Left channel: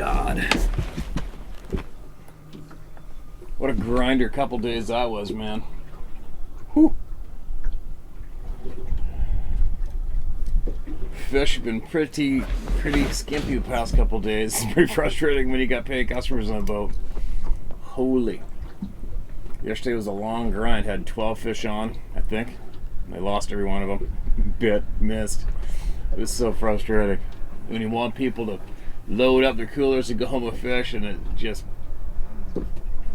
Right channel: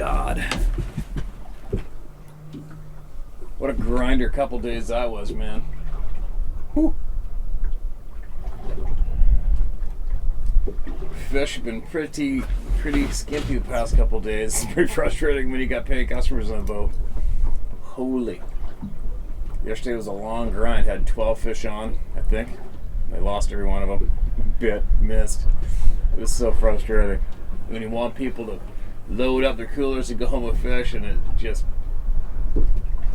God. What a grinder couple days that was, man. Whew. Fish have been pretty skimpy the past couple days. It's pretty frustrating when you got paying customers on the boat. Holy. Yesterday was a long grind. Had 12 fish on, I think. I lost every one of them. Missed. It was so frustrating. When you want people to load up their coolers and go home with fish, and it just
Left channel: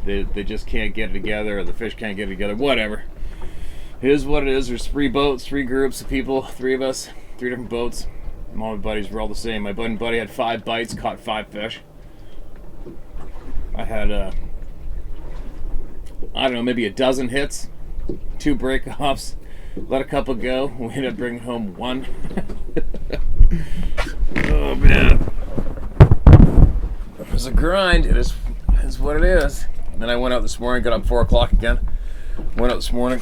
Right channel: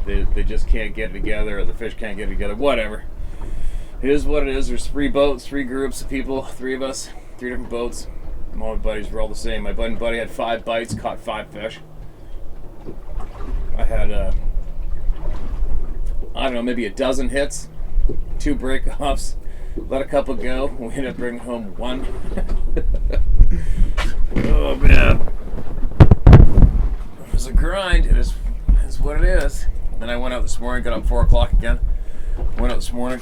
they just can't get it together, or the fish can't get it together. Whatever. It is what it is. There's 3 boats, 3 groups of people, 3 of us, 3 different boats. And all my buddies were all the same. My buddy had 5 bites, caught 5 fish. I had I don't know, maybe a dozen hits, 2 break-offs, let a couple go. We ended up bringing home 1. Oh, man. It was a grind. It is what it is. And then I went out this morning, got up 4 o'clock again. Went out this morning,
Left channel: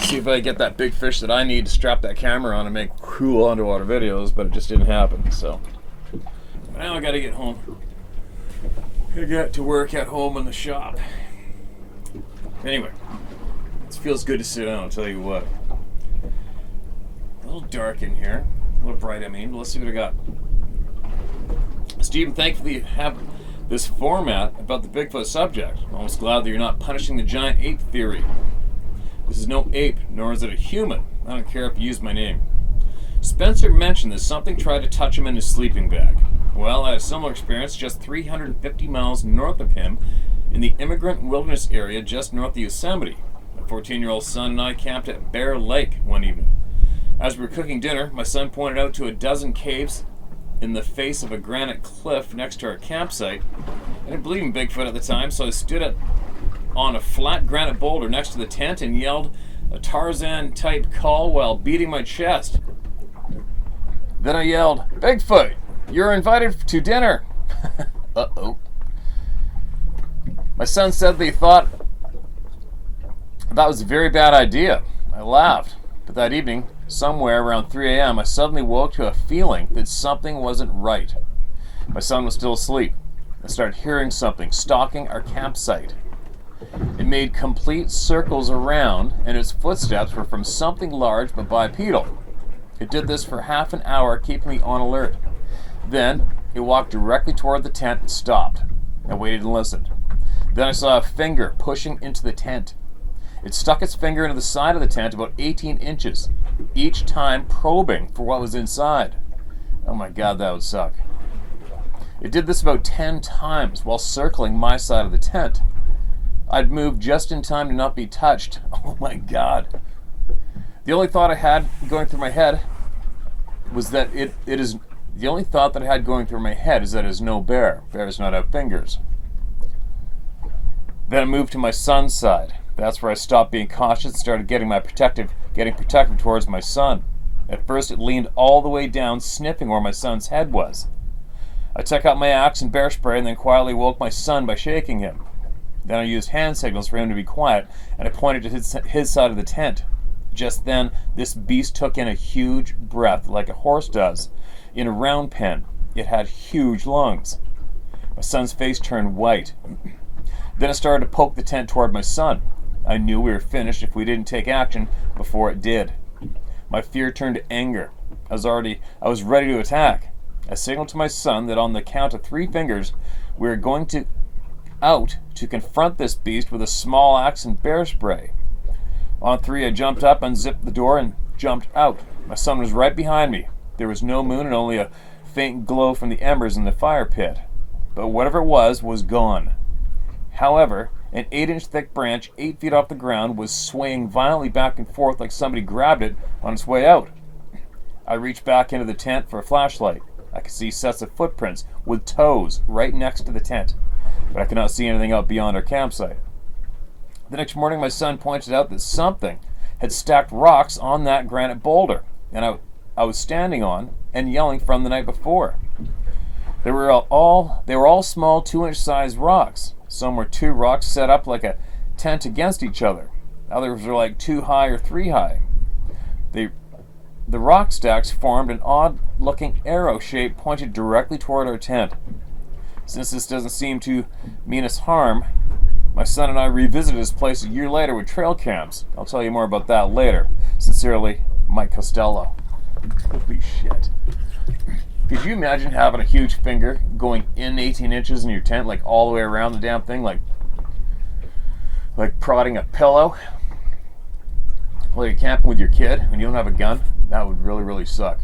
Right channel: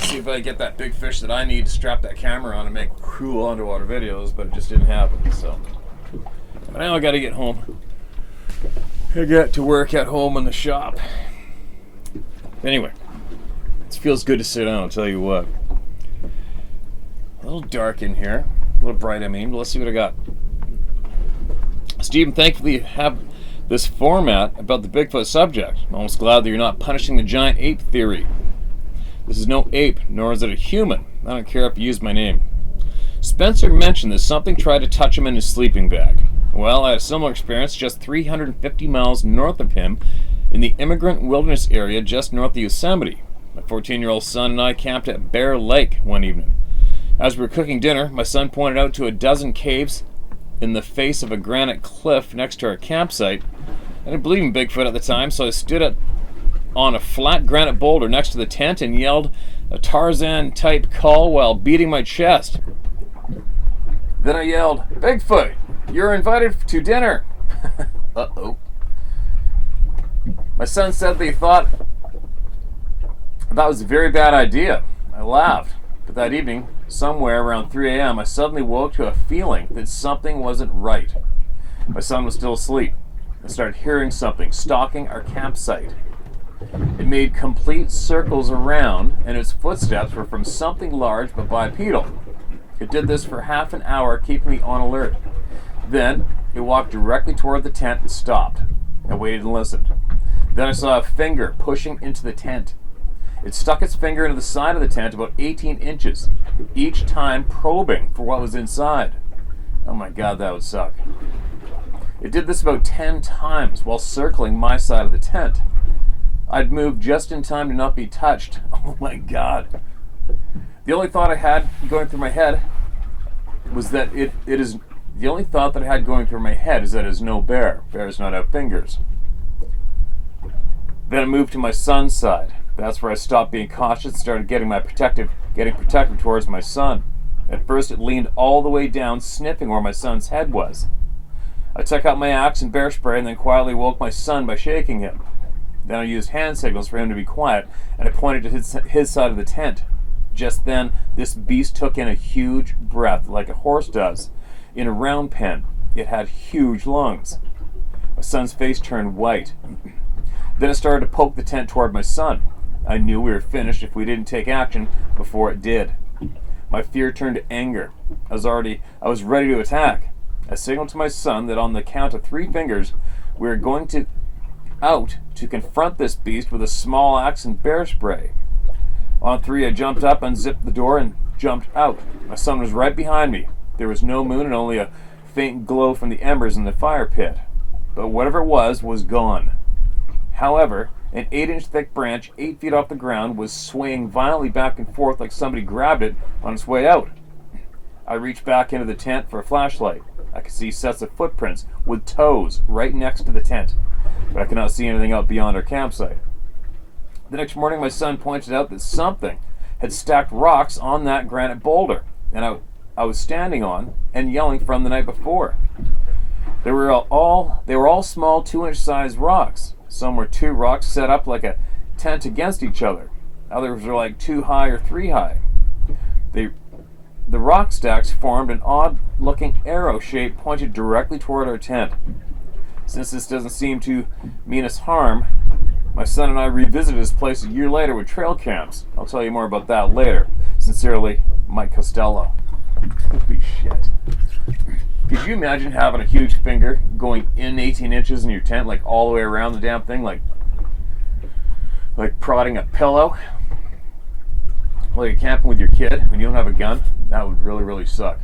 see if I could get that big fish that I need to strap that camera on and make cool underwater videos, but it just didn't happen, so. But now I gotta get home. I got to work at home in the shop. Anyway, it feels good to sit down, I'll tell you what. A little dark in here. A little bright, I mean. But let's see what I got. Stephen, thankfully you have this format about the Bigfoot subject. I'm almost glad that you're not punishing the giant ape theory. This is no ape, nor is it a human. I don't care if you use my name. Spencer mentioned that something tried to touch him in his sleeping bag. Well, I had a similar experience just 350 miles north of him in the Immigrant Wilderness area just north of Yosemite. My 14-year-old son and I camped at Bear Lake one evening. As we were cooking dinner, my son pointed out to a dozen caves in the face of a granite cliff next to our campsite. I didn't believe in Bigfoot at the time, so I stood on a flat granite boulder next to the tent and yelled a Tarzan-type call while beating my chest. Then I yelled, "Bigfoot, you're invited to dinner." Uh-oh. My son said that he thought that was a very bad idea. I laughed, but that evening, somewhere around 3 a.m., I suddenly woke to a feeling that something wasn't right. My son was still asleep. I started hearing something stalking our campsite. It made complete circles around, and its footsteps were from something large but bipedal. It did this for half an hour, keeping me on alert. Then, it walked directly toward the tent and stopped. I waited and listened. Then I saw a finger pushing into the tent. It stuck its finger into the side of the tent about 18 inches, each time probing for what was inside. Oh my God, that would suck. It did this about 10 times while circling my side of the tent. I'd moved just in time to not be touched. Oh my God. The only thought I had going through my head was that the only thought that I had going through my head is that it is no bear. Bears not have fingers. Then I moved to my son's side. That's where I stopped being cautious and started getting protective towards my son. At first it leaned all the way down, sniffing where my son's head was. I took out my axe and bear spray and then quietly woke my son by shaking him. Then I used hand signals for him to be quiet, and I pointed to his side of the tent. Just then, this beast took in a huge breath like a horse does. In a round pen, it had huge lungs. My son's face turned white. Then it started to poke the tent toward my son. I knew we were finished if we didn't take action before it did. My fear turned to anger. I was ready to attack. I signaled to my son that on the count of 3 fingers, we were going out to confront this beast with a small axe and bear spray. On 3, I jumped up, unzipped the door, and jumped out. My son was right behind me. There was no moon and only a faint glow from the embers in the fire pit. But whatever it was gone. However, an 8-inch thick branch 8 feet off the ground was swaying violently back and forth like somebody grabbed it on its way out. I reached back into the tent for a flashlight. I could see sets of footprints with toes right next to the tent, but I could not see anything out beyond our campsite. The next morning, my son pointed out that something had stacked rocks on that granite boulder, and I was standing on and yelling from the night before. They were all small 2-inch sized rocks. Some were 2 rocks set up like a tent against each other. Others were like 2 high or 3 high. The rock stacks formed an odd-looking arrow shape pointed directly toward our tent. Since this doesn't seem to mean us harm, my son and I revisited this place a year later with trail cams. I'll tell you more about that later. Sincerely, Mike Costello. Holy shit. Could you imagine having a huge finger going in 18 inches in your tent, like all the way around the damn thing, like prodding a pillow while you're camping with your kid and you don't have a gun? That would really, really suck.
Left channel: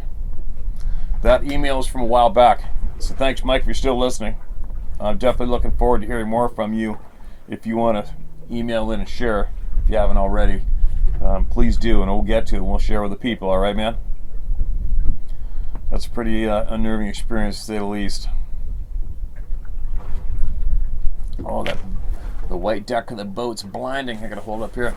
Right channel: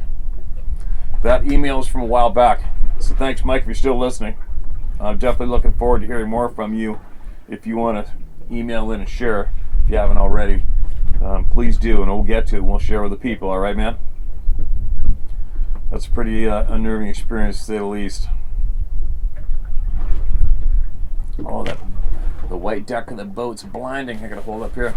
That email is from a while back. So thanks, Mike, if you're still listening. I'm definitely looking forward to hearing more from you. If you want to email in and share, if you haven't already, please do, and we'll get to it and we'll share with the people. All right, man? That's a pretty unnerving experience, to say the least. Oh, the white deck of the boat's blinding. I gotta hold up here.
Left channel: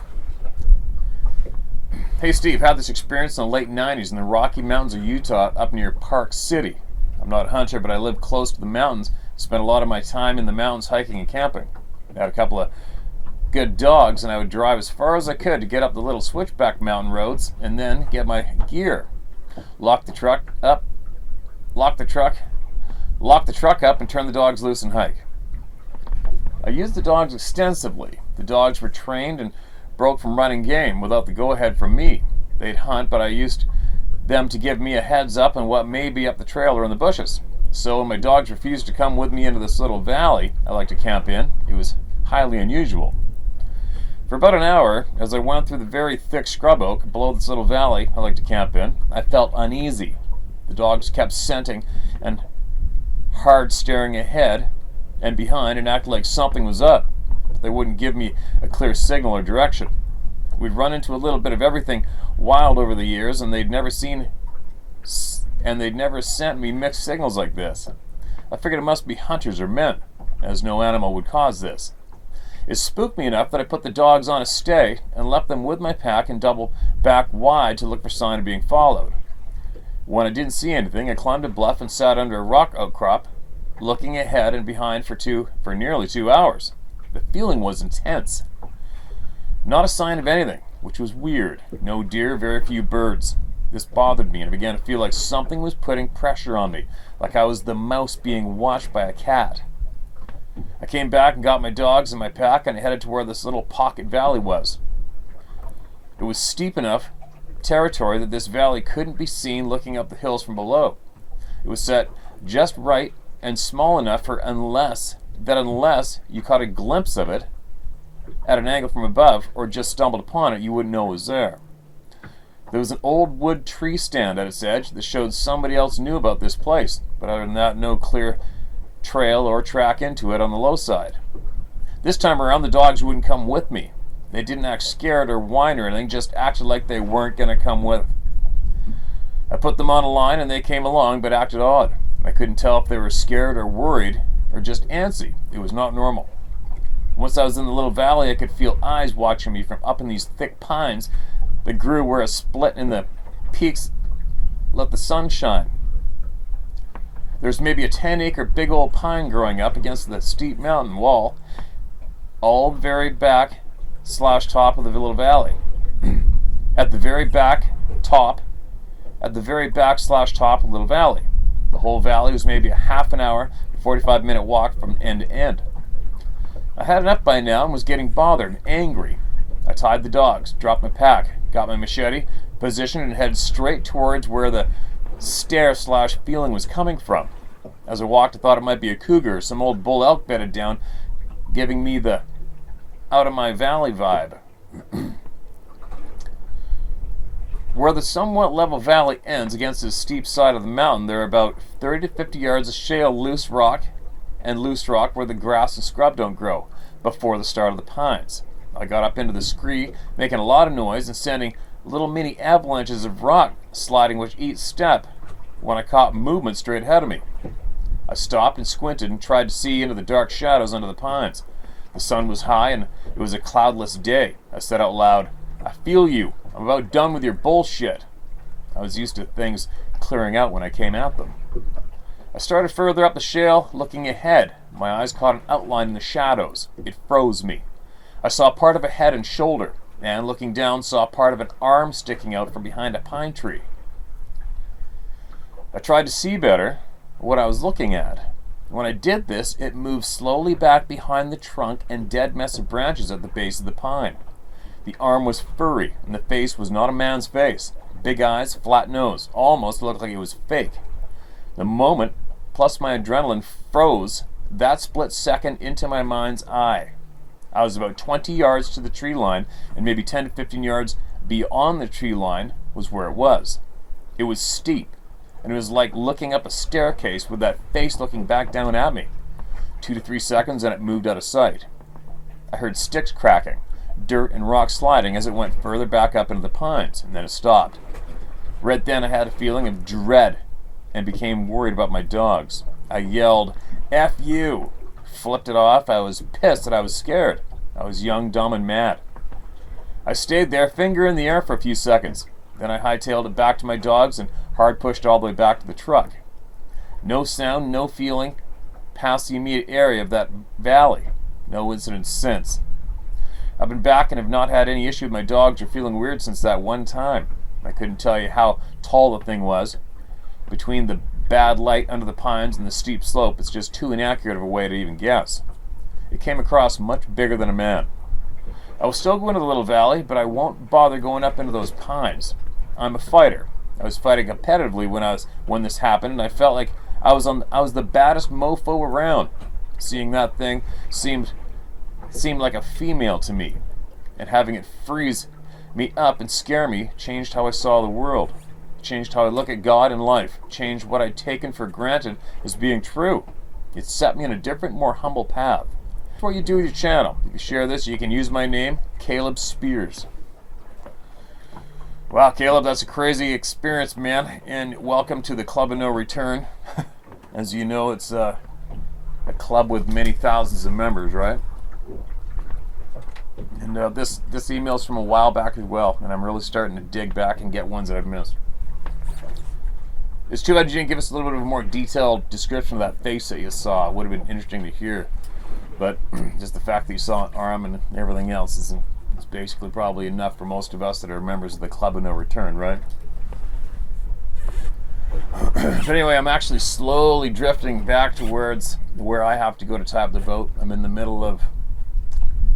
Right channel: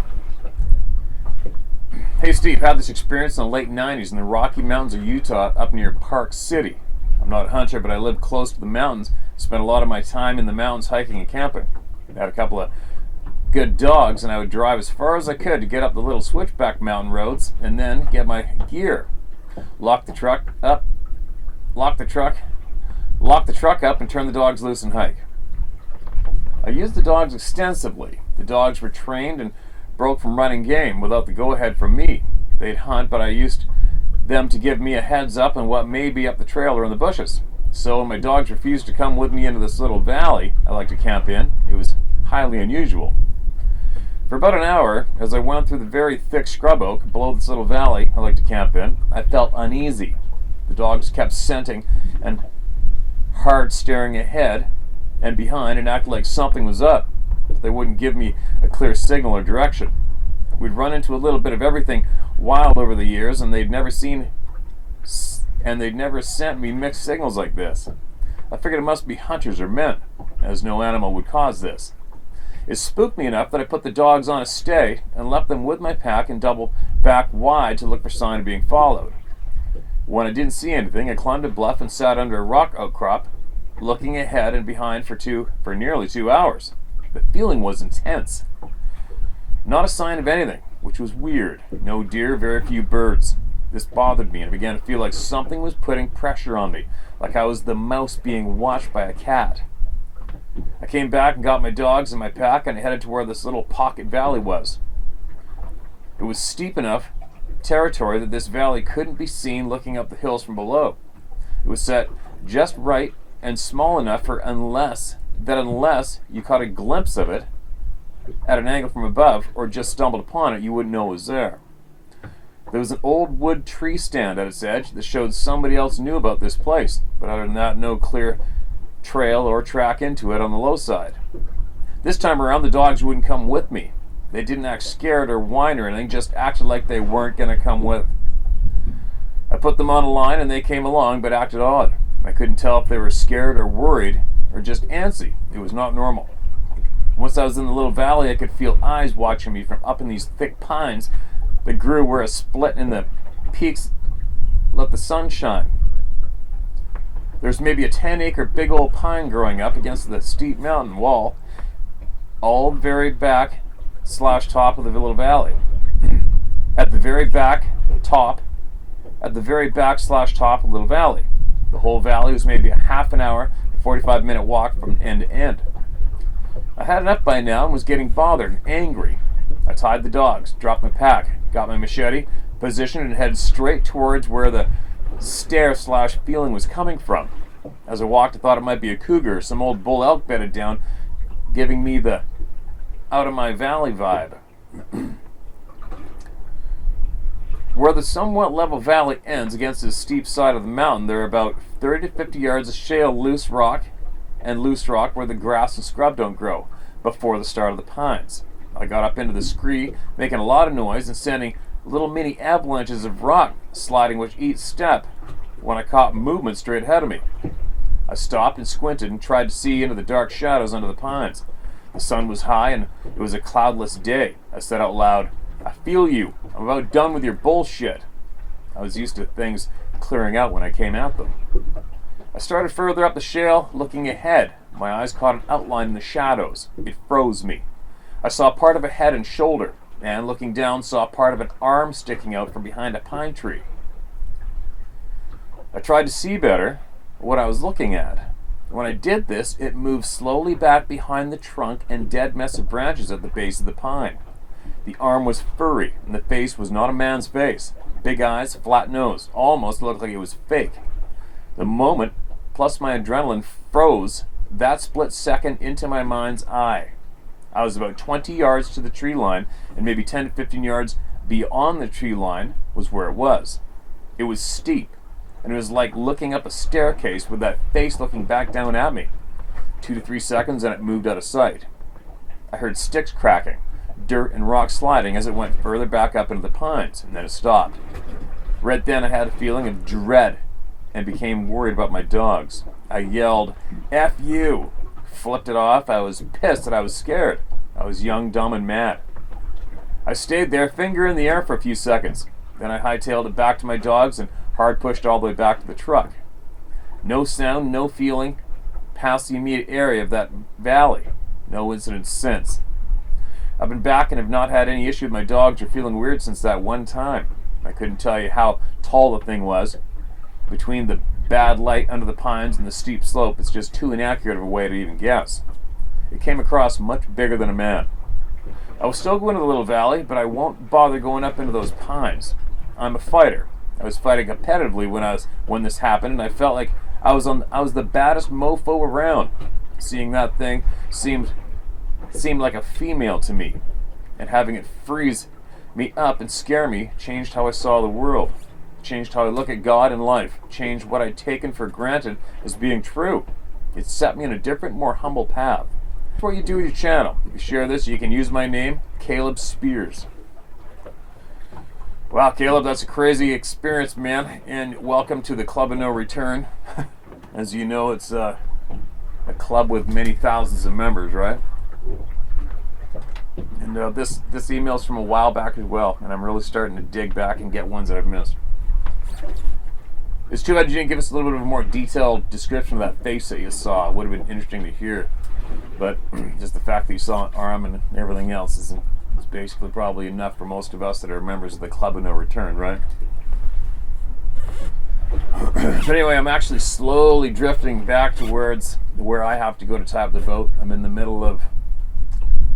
Hey, Steve, had this experience in the late 90s in the Rocky Mountains of Utah up near Park City. I'm not a hunter, but I live close to the mountains. Spent a lot of my time in the mountains hiking and camping. I had a couple of good dogs, and I would drive as far as I could to get up the little switchback mountain roads and then get my gear. Lock the truck up, and turn the dogs loose and hike. I used the dogs extensively. The dogs were trained and broke from running game without the go-ahead from me. They'd hunt, but I used them to give me a heads up on what may be up the trail or in the bushes. So when my dogs refused to come with me into this little valley I like to camp in, it was highly unusual. For about an hour, as I went through the very thick scrub oak below this little valley I like to camp in, I felt uneasy. The dogs kept scenting and hard staring ahead and behind and acted like something was up. They wouldn't give me a clear signal or direction. We'd run into a little bit of everything wild over the years, and they'd never sent me mixed signals like this. I figured it must be hunters or men, as no animal would cause this. It spooked me enough that I put the dogs on a stay and left them with my pack and doubled back wide to look for sign of being followed. When I didn't see anything, I climbed a bluff and sat under a rock outcrop, looking ahead and behind for nearly 2 hours. The feeling was intense. Not a sign of anything, which was weird. No deer, very few birds. This bothered me, and I began to feel like something was putting pressure on me, like I was the mouse being watched by a cat. I came back and got my dogs and my pack, and I headed to where this little pocket valley was. It was steep enough territory that this valley couldn't be seen looking up the hills from below. It was set just right and small enough for unless you caught a glimpse of it at an angle from above or just stumbled upon it, you wouldn't know it was there. There was an old wood tree stand at its edge that showed somebody else knew about this place, but other than that, no clear trail or track into it on the low side. This time around, the dogs wouldn't come with me. They didn't act scared or whine or anything, just acted like they weren't going to come with. I put them on a line and they came along, but acted odd. I couldn't tell if they were scared or worried or just antsy. It was not normal. Once I was in the little valley, I could feel eyes watching me from up in these thick pines that grew where a split in the peaks let the sun shine. There's maybe a 10-acre big old pine growing up against the steep mountain wall, all the very back / top of the little valley. At the very back / top of the little valley. The whole valley was maybe a half an hour to 45-minute walk from end to end. I had enough by now and was getting bothered and angry. I tied the dogs, dropped my pack, got my machete, positioned, and headed straight towards where the stare / feeling was coming from. As I walked, I thought it might be a cougar or some old bull elk bedded down, giving me the out of my valley vibe. Where the somewhat level valley ends against the steep side of the mountain, there are about 30 to 50 yards of shale loose rock where the grass and scrub don't grow before the start of the pines. I got up into the scree, making a lot of noise and sending little mini avalanches of rock sliding with each step when I caught movement straight ahead of me. I stopped and squinted and tried to see into the dark shadows under the pines. The sun was high and it was a cloudless day. I said out loud, "I feel you. I'm about done with your bullshit." I was used to things clearing out when I came at them. I started further up the shale, looking ahead. My eyes caught an outline in the shadows. It froze me. I saw part of a head and shoulder, and looking down, saw part of an arm sticking out from behind a pine tree. I tried to see better what I was looking at. When I did this, it moved slowly back behind the trunk and dead mess of branches at the base of the pine. The arm was furry, and the face was not a man's face. Big eyes, flat nose, almost looked like it was fake. The moment, plus my adrenaline, froze that split second into my mind's eye. I was about 20 yards to the tree line, and maybe 10 to 15 yards beyond the tree line was where it was. It was steep, and it was like looking up a staircase with that face looking back down at me. 2 to 3 seconds, and it moved out of sight. I heard sticks cracking, dirt and rocks sliding as it went further back up into the pines, and then it stopped. Right then I had a feeling of dread and became worried about my dogs. I yelled, "F you!" Flipped it off. I was pissed and I was scared. I was young, dumb, and mad. I stayed there, finger in the air for a few seconds. Then I hightailed it back to my dogs and hard pushed all the way back to the truck. No sound, no feeling, past the immediate area of that valley. No incident since. I've been back and have not had any issue with my dogs or feeling weird since that one time. I couldn't tell you how tall the thing was. Between the bad light under the pines and the steep slope, it's just too inaccurate of a way to even guess. It came across much bigger than a man. I will still go into the little valley, but I won't bother going up into those pines. I'm a fighter. I was fighting competitively when this happened, and I felt like I was the baddest mofo around. Seeing that thing seemed like a female to me, and having it freeze me up and scare me changed how I saw the world, changed how I look at God and life, changed what I'd taken for granted as being true. It set me on a different, more humble path. That's what you do with your channel. If you share this, you can use my name, Caleb Spears. Wow, Caleb, that's a crazy experience, man, and welcome to the Club of No Return. As you know, it's a club with many thousands of members, right? And this email's from a while back as well, and I'm really starting to dig back and get ones that I've missed. It's too bad you didn't give us a little bit of a more detailed description of that face that you saw. It would have been interesting to hear. But just the fact that you saw an arm and everything else is basically probably enough for most of us that are members of the Club of No Return, right? But anyway, I'm actually slowly drifting back towards where I have to go to tie up the boat. I'm in the middle of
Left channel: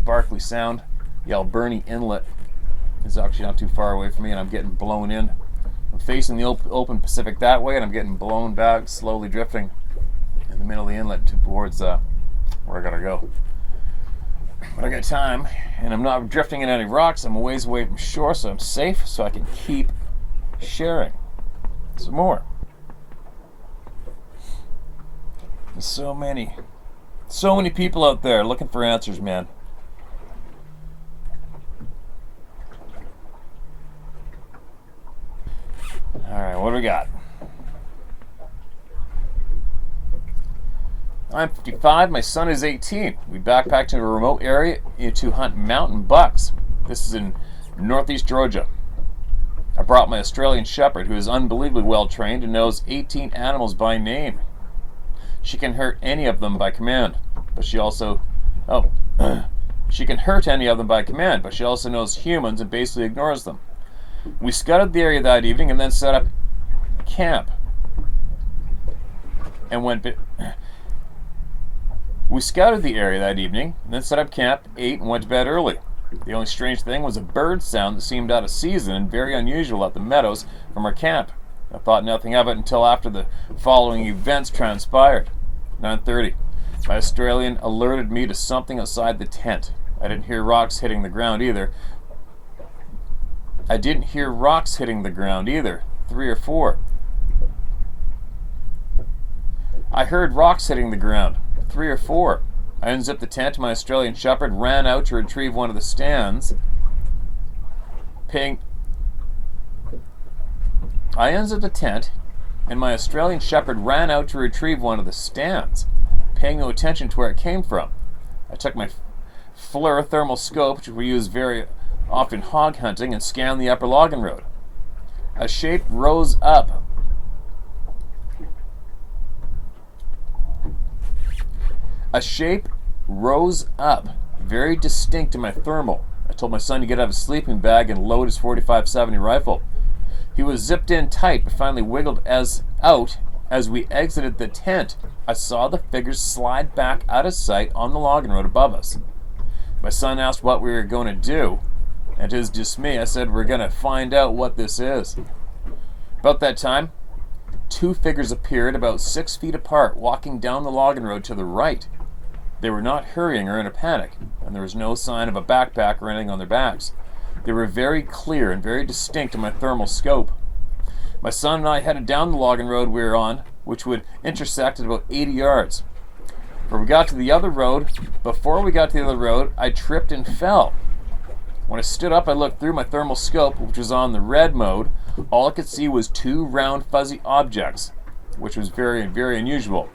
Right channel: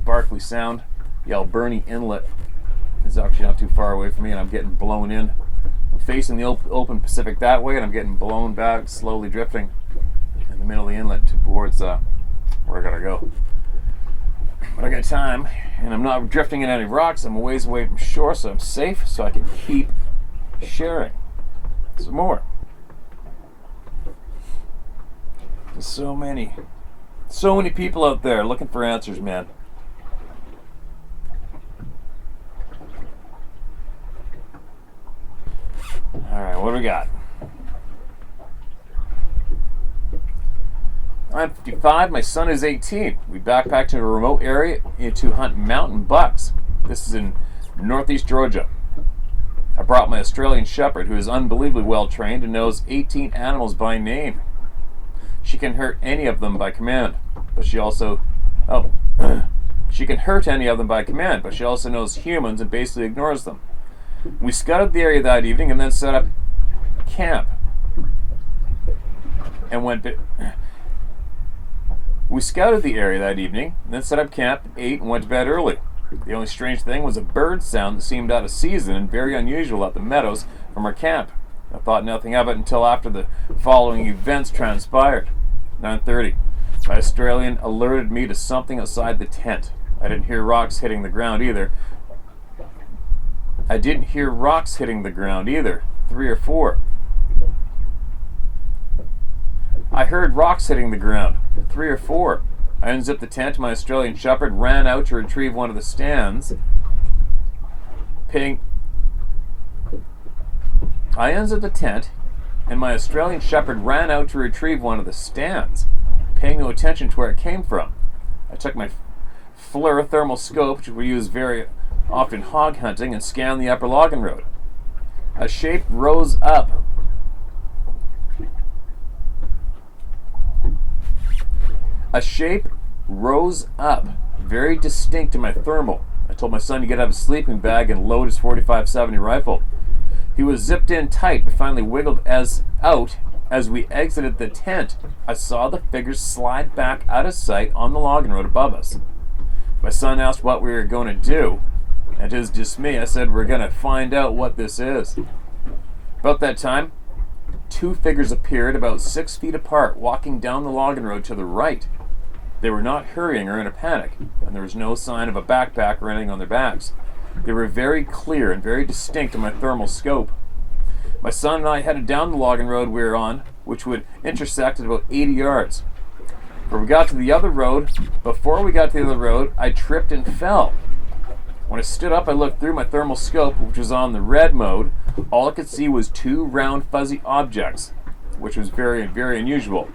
Barkley Sound. The Alberni Inlet is actually not too far away from me, and I'm getting blown in. I'm facing the open Pacific that way, and I'm getting blown back, slowly drifting in the middle of the inlet towards where I gotta go. But I got time, and I'm not drifting in any rocks. I'm a ways away from shore, so I'm safe, so I can keep sharing some more. There's so many people out there looking for answers, man. Alright, what do we got? I'm 55, my son is 18. We backpacked to a remote area to hunt mountain bucks. This is in northeast Georgia. I brought my Australian Shepherd, who is unbelievably well trained and knows 18 animals by name. She can hurt any of them by command, but she also... she can hurt any of them by command, but she also knows humans and basically ignores them. We scouted the area that evening and then set up camp. We scouted the area that evening, and then set up camp, ate, and went to bed early. The only strange thing was a bird sound that seemed out of season and very unusual at the meadows from our camp. I thought nothing of it until after the following events transpired. 9:30. My Australian alerted me to something outside the tent. I didn't hear rocks hitting the ground either. 3 or 4. I heard rocks hitting the ground. 3 or 4. I unzipped the tent. My Australian Shepherd ran out to retrieve one of the stands. Paying no attention to where it came from. I took my FLIR thermal scope, which we use very often hog hunting, and scanned the upper logging road. A shape rose up. Very distinct to my thermal. I told my son to get out of his sleeping bag and load his .45-70 rifle. He was zipped in tight, but finally wiggled out As we exited the tent, I saw the figures slide back out of sight on the logging road above us. My son asked what we were going to do, and to his dismay, I said, "We're going to find out what this is." About that time, two figures appeared about 6 feet apart, walking down the logging road to the right. They were not hurrying or in a panic, and there was no sign of a backpack or anything on their backs. They were very clear and very distinct in my thermal scope. My son and I headed down the logging road we were on, which would intersect at about 80 yards. Before we got to the other road, I tripped and fell. When I stood up, I looked through my thermal scope, which was on the red mode. All I could see was 2 round fuzzy objects, which was very, very unusual.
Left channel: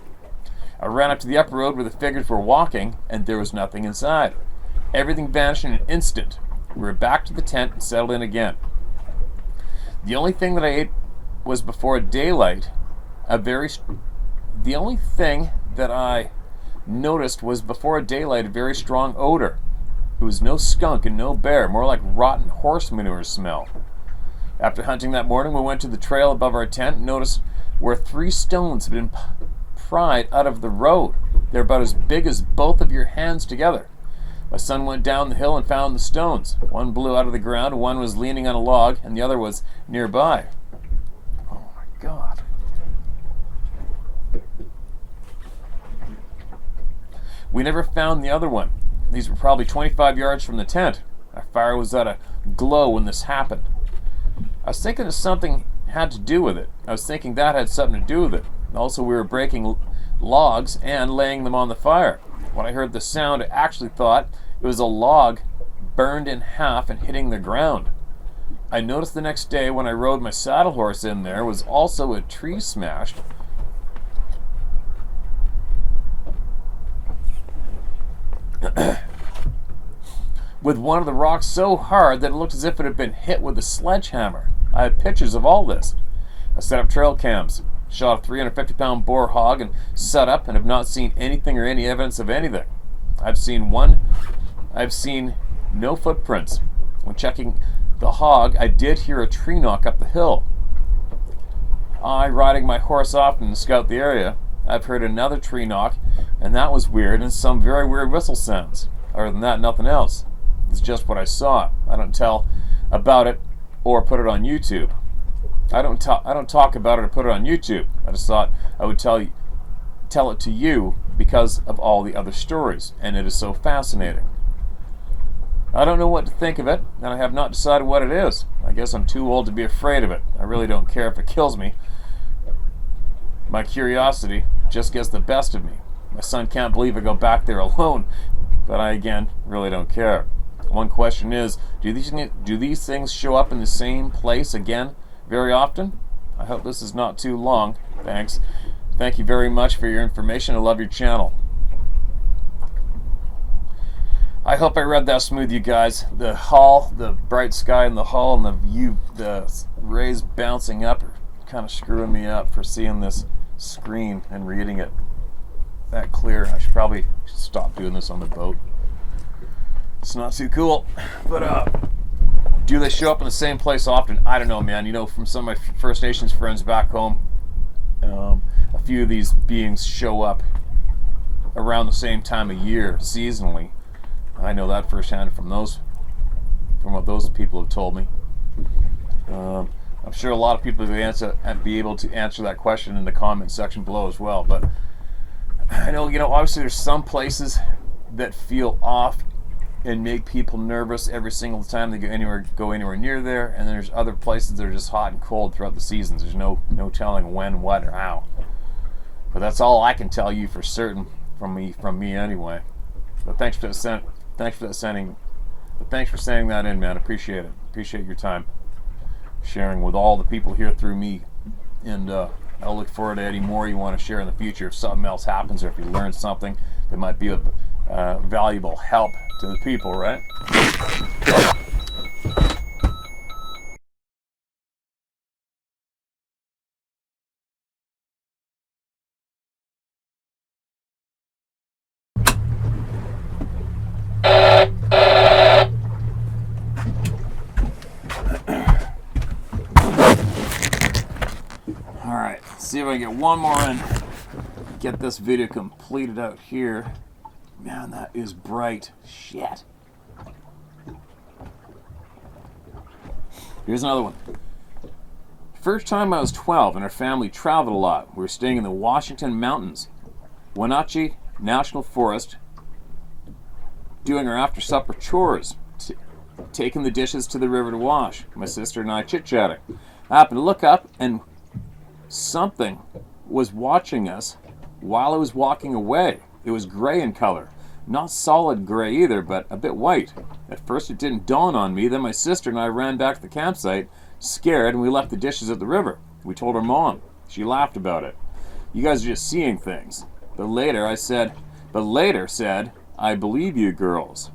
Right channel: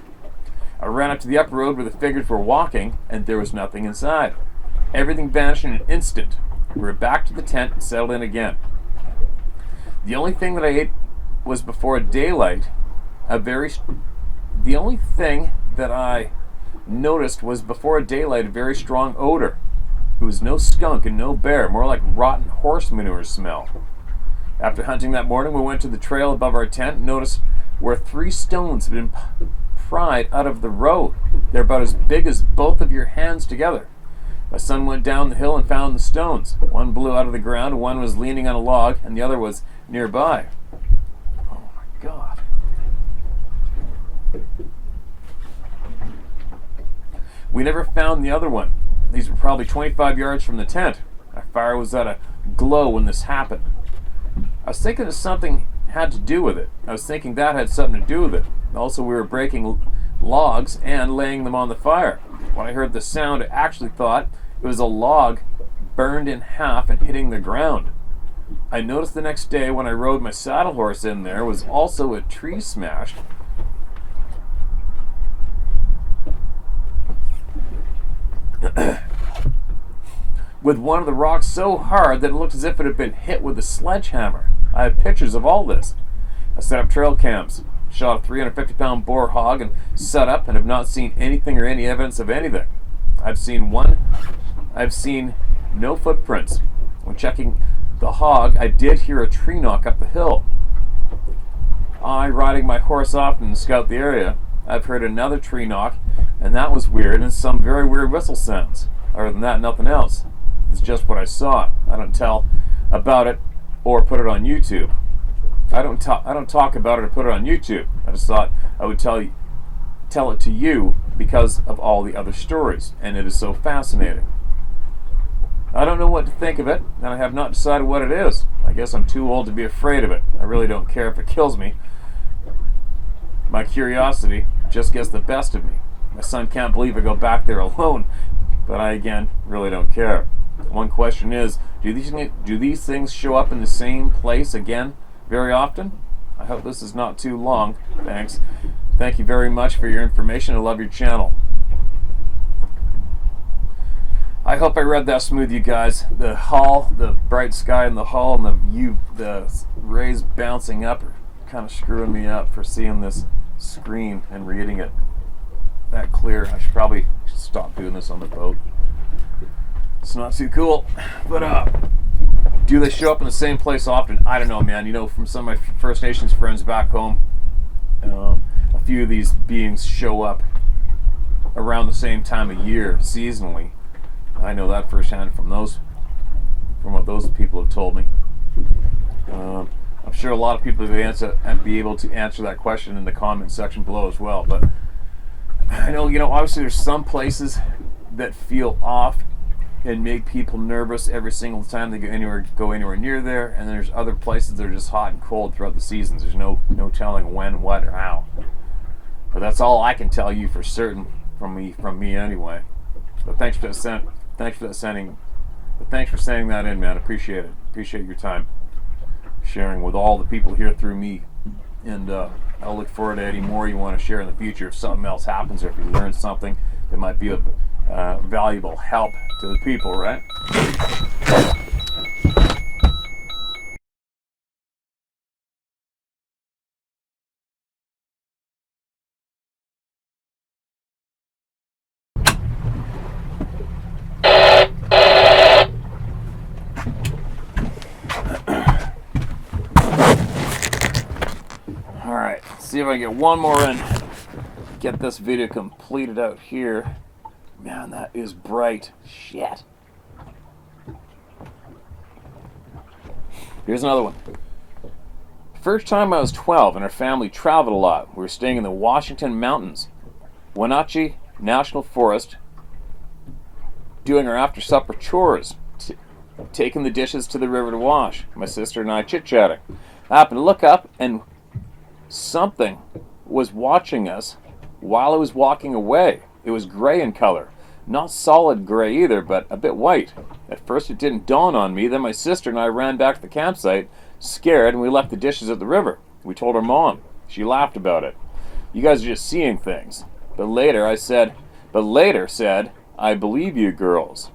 I ran up to the upper road where the figures were walking, and there was nothing inside. Everything vanished in an instant. We were back to the tent and settled in again. The only thing that I ate was before daylight. The only thing that I noticed was before daylight a very strong odor. It was no skunk and no bear, more like rotten horse manure smell. After hunting that morning, we went to the trail above our tent and noticed where 3 stones had been pried out of the road. They're about as big as both of your hands together. My son went down the hill and found the stones. One blew out of the ground, one was leaning on a log, and the other was nearby. Oh my God. We never found the other one. These were probably 25 yards from the tent. Our fire was at a glow when this happened. I was thinking that something had to do with it. Also, we were breaking logs and laying them on the fire. When I heard the sound, I actually thought it was a log burned in half and hitting the ground. I noticed the next day when I rode my saddle horse in there was also a tree smashed. With one of the rocks so hard that it looked as if it had been hit with a sledgehammer. I have pictures of all this. I set up trail cams, shot a 350-pound boar hog and set up, and have not seen anything or any evidence of anything. I've seen no footprints. When checking the hog, I did hear a tree knock up the hill. Riding my horse often to scout the area, I've heard another tree knock, and that was weird, and some very weird whistle sounds. Other than that, nothing else. It's just what I saw. I don't tell about it or put it on YouTube. I don't talk about it or put it on YouTube. I just thought I would tell it to you because of all the other stories, and it is so fascinating. I don't know what to think of it, and I have not decided what it is. I guess I'm too old to be afraid of it. I really don't care if it kills me. My curiosity just gets the best of me. My son can't believe I go back there alone, but I, again, really don't care. One question is, do these things show up in the same place again very often? I hope this is not too long. Thanks. Thank you very much for your information. I love your channel. I hope I read that smooth, you guys. The hull, the bright sky in the hull, and the rays bouncing up are kind of screwing me up for seeing this screen and reading it that clear. I should probably stop doing this on the boat. It's not too cool. But do they show up in the same place often? I don't know, man. You know, from some of my First Nations friends back home, a few of these beings show up around the same time of year, seasonally. I know that firsthand from what those people have told me. I'm sure a lot of people would be able to answer that question in the comment section below as well. But I know, obviously there's some places that feel off and make people nervous every single time they go anywhere near there, and then there's other places that are just hot and cold throughout the seasons. There's no telling when, what, or how. But that's all I can tell you for certain from me anyway. But thanks for sending that in, man. Appreciate it. Appreciate your time sharing with all the people here through me, and I'll look forward to any more you want to share in the future. If something else happens, or if you learn something that might be of valuable help to the people, right? see if I can get one more in. Get this video completed out here. Man, that is bright. Shit. Here's another one. First time I was 12 and our family traveled a lot. We were staying in the Washington Mountains, Wenatchee National Forest, doing our after-supper chores, taking the dishes to the river to wash. My sister and I chit-chatting. I happened to look up and something was watching us while I was walking away. It was gray in color. Not solid gray either, but a bit white. At first it didn't dawn on me. Then my sister and I ran back to the campsite, scared, and we left the dishes at the river. We told our mom. She laughed about it. You guys are just seeing things. But later said, I believe you girls.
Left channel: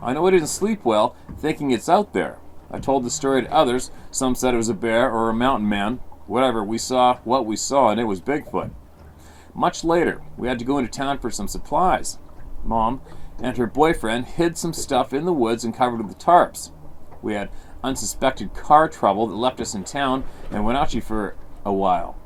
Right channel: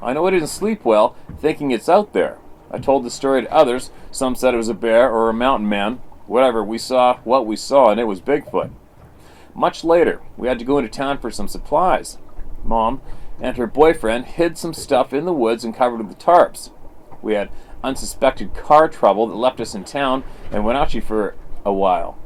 I know I didn't sleep well, thinking it's out there. I told the story to others. Some said it was a bear or a mountain man. Whatever, we saw what we saw, and it was Bigfoot. Much later, we had to go into town for some supplies. Mom and her boyfriend hid some stuff in the woods and covered with the tarps. We had unsuspected car trouble that left us in town and Wenatchee for a while.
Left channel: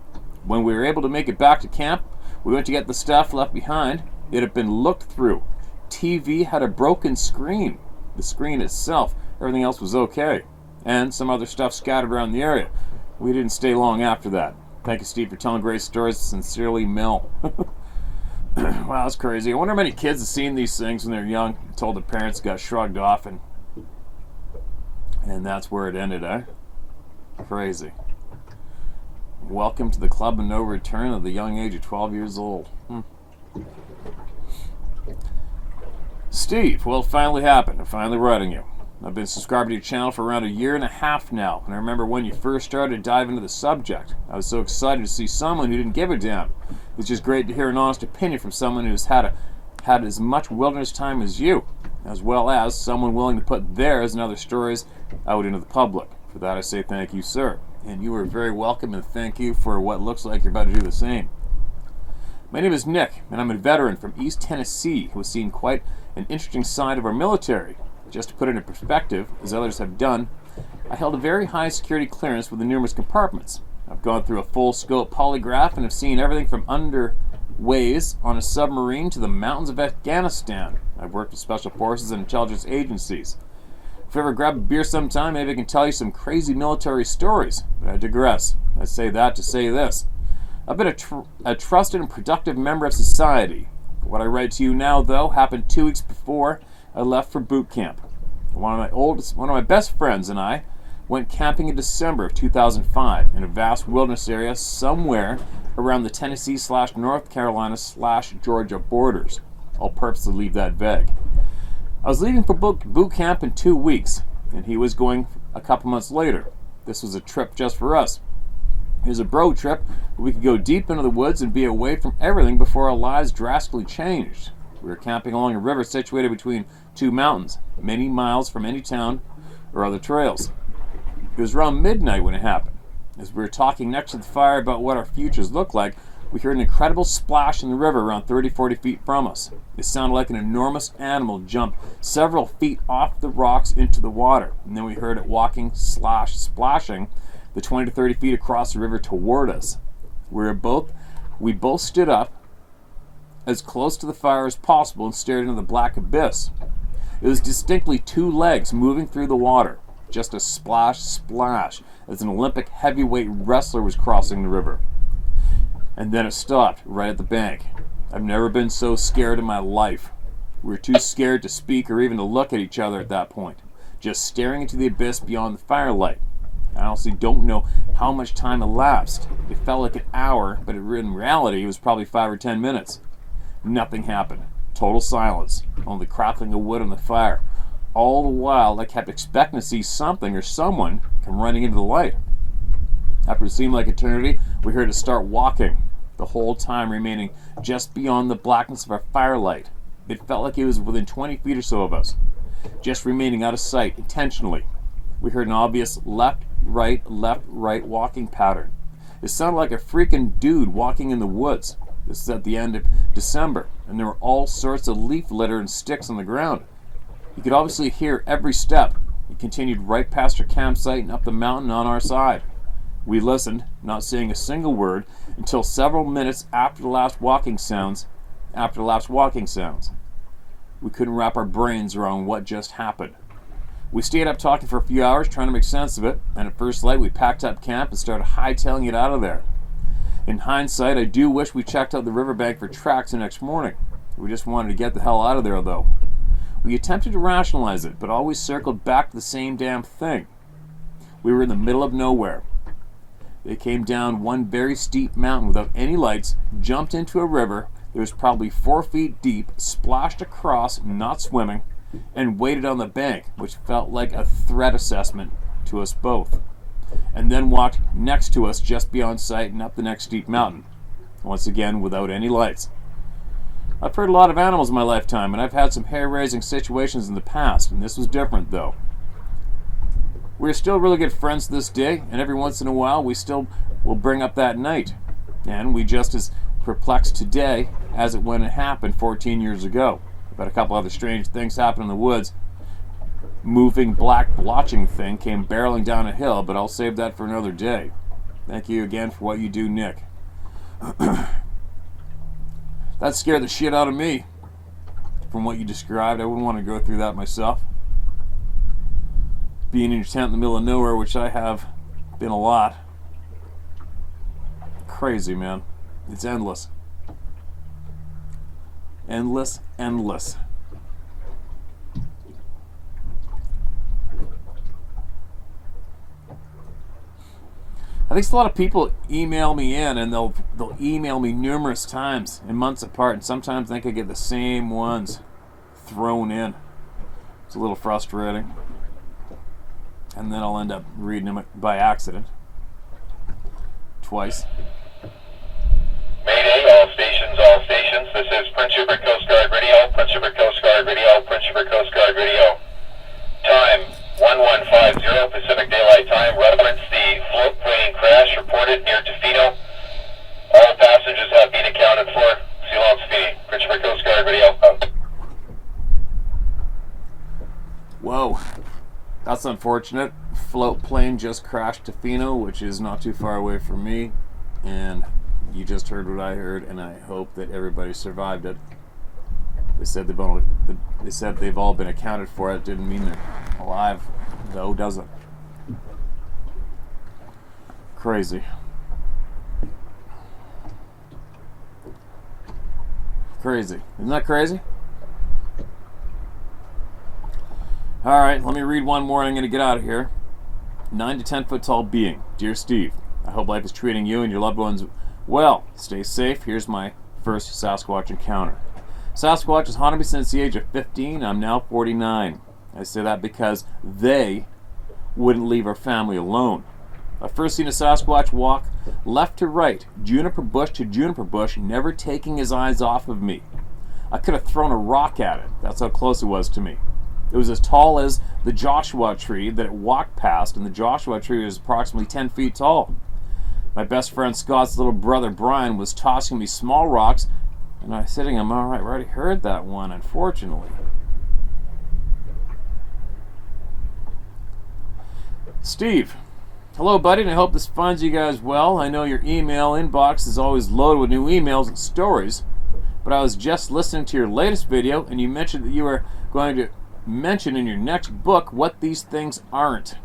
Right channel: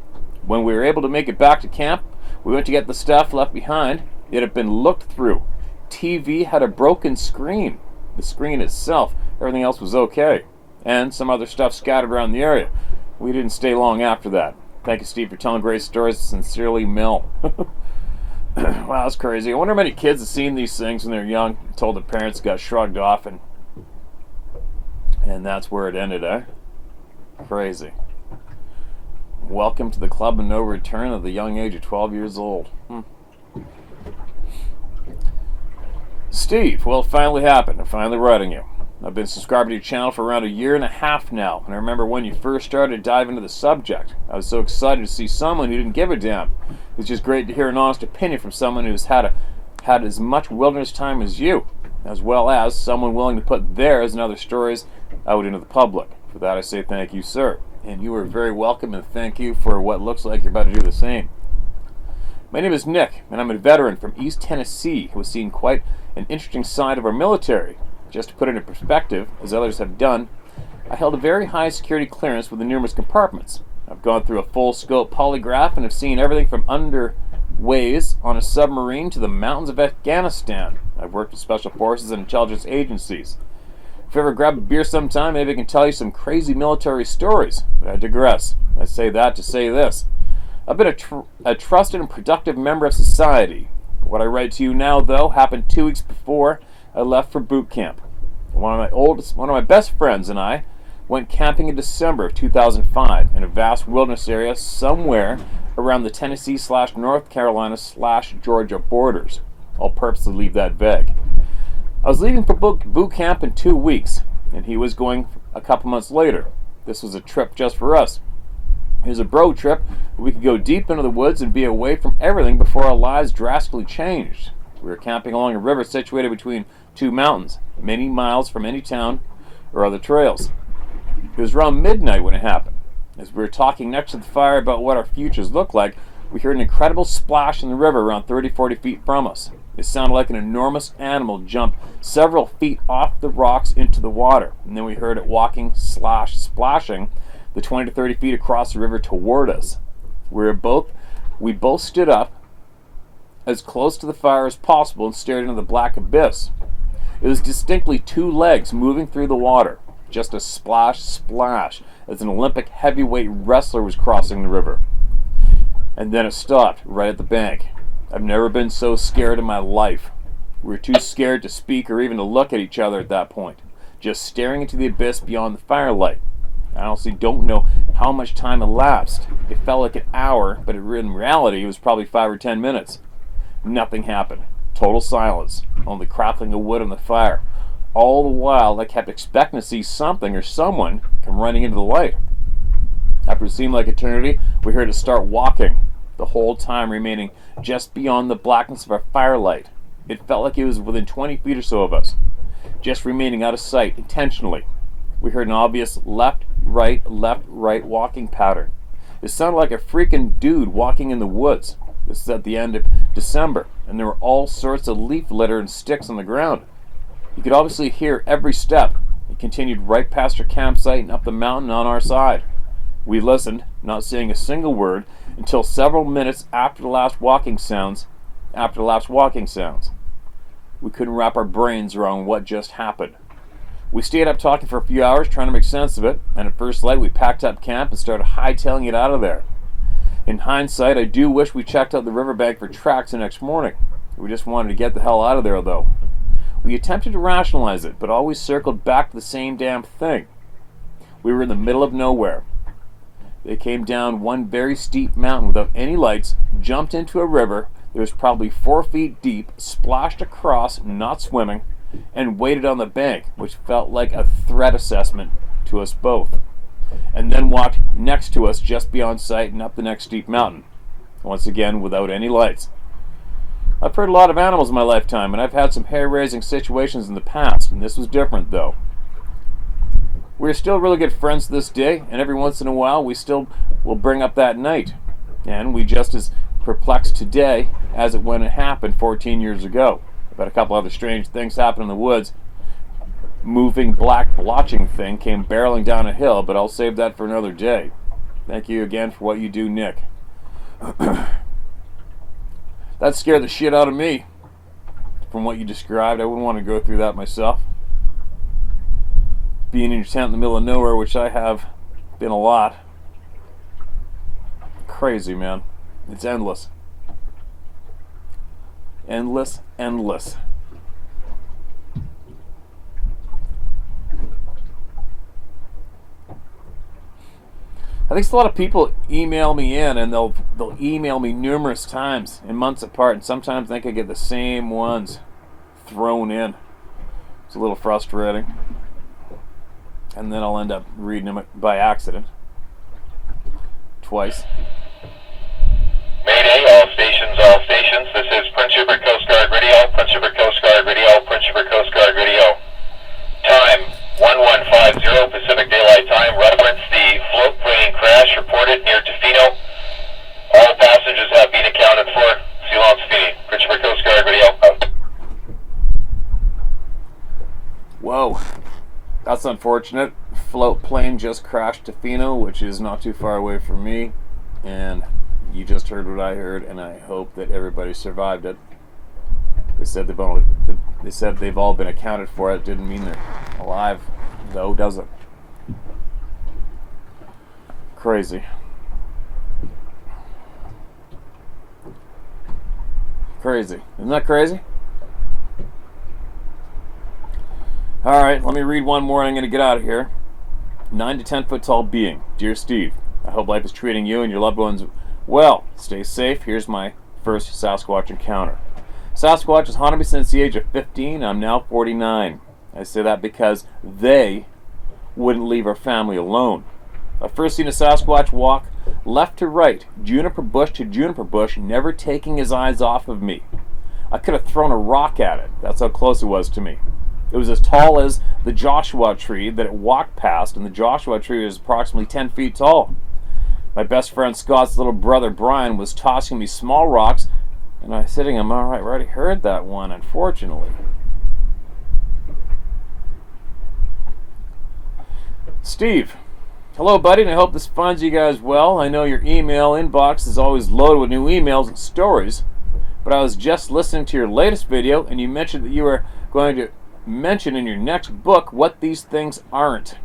When we were able to make it back to camp, we went to get the stuff left behind. It had been looked through. TV had a broken screen. The screen itself, everything else was okay. And some other stuff scattered around the area. We didn't stay long after that. Thank you, Steve, for telling great stories. Sincerely, Mill. Wow, that's crazy. I wonder how many kids have seen these things when they're young, told their parents, got shrugged off, and that's where it ended, eh? Crazy. Welcome to the club of no return at the young age of 12 years old. Steve, well, it finally happened. I'm finally writing you. I've been subscribed to your channel for around 1.5 years now, and I remember when you first started to dive into the subject. I was so excited to see someone who didn't give a damn. It's just great to hear an honest opinion from someone who's had as much wilderness time as you, as well as someone willing to put theirs and other stories out into the public. For that I say thank you, sir. And you are very welcome, and thank you for what looks like you're about to do the same. My name is Nick, and I'm a veteran from East Tennessee who has seen quite an interesting side of our military. Just to put it in perspective, as others have done, I held a very high security clearance with the numerous compartments. I've gone through a full-scope polygraph and have seen everything from underways on a submarine to the mountains of Afghanistan. I've worked with special forces and intelligence agencies. If you ever grab a beer sometime, maybe I can tell you some crazy military stories. But I digress. I say that to say this. I've been a trusted and productive member of society. What I write to you now, though, happened 2 weeks before I left for boot camp. One of my best friends and I went camping in December of 2005 in a vast wilderness area somewhere around the Tennessee/North Carolina/Georgia borders. I'll purposely leave that vague. I was leaving for boot camp in 2 weeks, and he was going a couple months later. This was a trip just for us. It was a bro trip where we could go deep into the woods and be away from everything before our lives drastically changed. We were camping along a river situated between 2 mountains, many miles from any town or other trails. It was around midnight when it happened. As we were talking next to the fire about what our futures looked like, we heard an incredible splash in the river around 30-40 feet from us. It sounded like an enormous animal jumped several feet off the rocks into the water, and then we heard it splashing the 20 to 30 feet across the river toward us. We both stood up as close to the fire as possible and stared into the black abyss. It was distinctly 2 legs moving through the water, just a splash, as an Olympic heavyweight wrestler was crossing the river. And then it stopped right at the bank. I've never been so scared in my life. We were too scared to speak or even to look at each other at that point, just staring into the abyss beyond the firelight. I honestly don't know how much time elapsed. It felt like an hour, but in reality it was probably 5 or 10 minutes. Nothing happened. Total silence. Only crackling of wood on the fire. All the while I kept expecting to see something or someone come running into the light. After it seemed like eternity, we heard it start walking, the whole time remaining just beyond the blackness of our firelight. It felt like it was within 20 feet or so of us, just remaining out of sight intentionally. We heard an obvious left, right walking pattern. It sounded like a freaking dude walking in the woods. This is at the end of December, and there were all sorts of leaf litter and sticks on the ground. You could obviously hear every step. It continued right past our campsite and up the mountain on our side. We listened, not saying a single word, until several minutes after the last walking sounds. We couldn't wrap our brains around what just happened. We stayed up talking for a few hours trying to make sense of it, and at first light we packed up camp and started hightailing it out of there. In hindsight, I do wish we checked out the riverbank for tracks the next morning. We just wanted to get the hell out of there, though. We attempted to rationalize it, but always circled back to the same damn thing. We were in the middle of nowhere. They came down one very steep mountain without any lights, jumped into a river that was probably 4 feet deep, splashed across, not swimming, and waited on the bank, which felt like a threat assessment to us both, and then walked next to us just beyond sight and up the next steep mountain, once again without any lights. I've heard a lot of animals in my lifetime, and I've had some hair-raising situations in the past, and this was different, though. We're still really good friends to this day, and every once in a while we still will bring up that night, and we just as perplexed today as it when it happened 14 years ago. I've had a couple other strange things happen in the woods. Moving black blotching thing came barreling down a hill, but I'll save that for another day. Thank you again for what you do, Nick. That scared the shit out of me. From what you described, I wouldn't want to go through that myself. Being in your tent in the middle of nowhere, which I have been a lot. Crazy, man. It's endless. Endless. I think a lot of people email me in, and they'll email me numerous times and months apart, and sometimes I think I get the same ones thrown in. It's a little frustrating. And then I'll end up reading them by accident. Twice. Mayday, all stations, all stations. This is Prince Rupert Coast Guard Radio, Prince Rupert Coast Guard Radio, Prince Rupert Coast Guard Radio. Time, 1150 Pacific Daylight Time. Reference the float plane crash reported near Tofino. All passengers have been accounted for. See you long, Tofino. Prince Rupert Coast Guard Radio. Whoa. That's unfortunate. Float plane just crashed Tofino, which is not too far away from me. And you just heard what I heard, and I hope that everybody survived it. They said they've all been accounted for. It didn't mean they're alive, though, does it? Crazy. Crazy. Isn't that crazy? Alright, let me read one more and I'm going to get out of here. 9 to 10 foot tall being. Dear Steve, I hope life is treating you and your loved ones well. Stay safe. Here's my first Sasquatch encounter. Sasquatch has haunted me since the age of 15. I'm now 49. I say that because they wouldn't leave our family alone. I first seen a Sasquatch walk left to right, juniper bush to juniper bush, never taking his eyes off of me. I could have thrown a rock at it. That's how close it was to me. It was as tall as the Joshua tree that it walked past, and the Joshua tree was approximately 10 feet tall. My best friend Scott's little brother Brian was tossing me small rocks, and I was sitting, I'm alright, I already heard that one, unfortunately. Steve, hello buddy, and I hope this finds you guys well. I know your email inbox is always loaded with new emails and stories, but I was just listening to your latest video, and you mentioned that you were going to mention in your next book what these things aren't.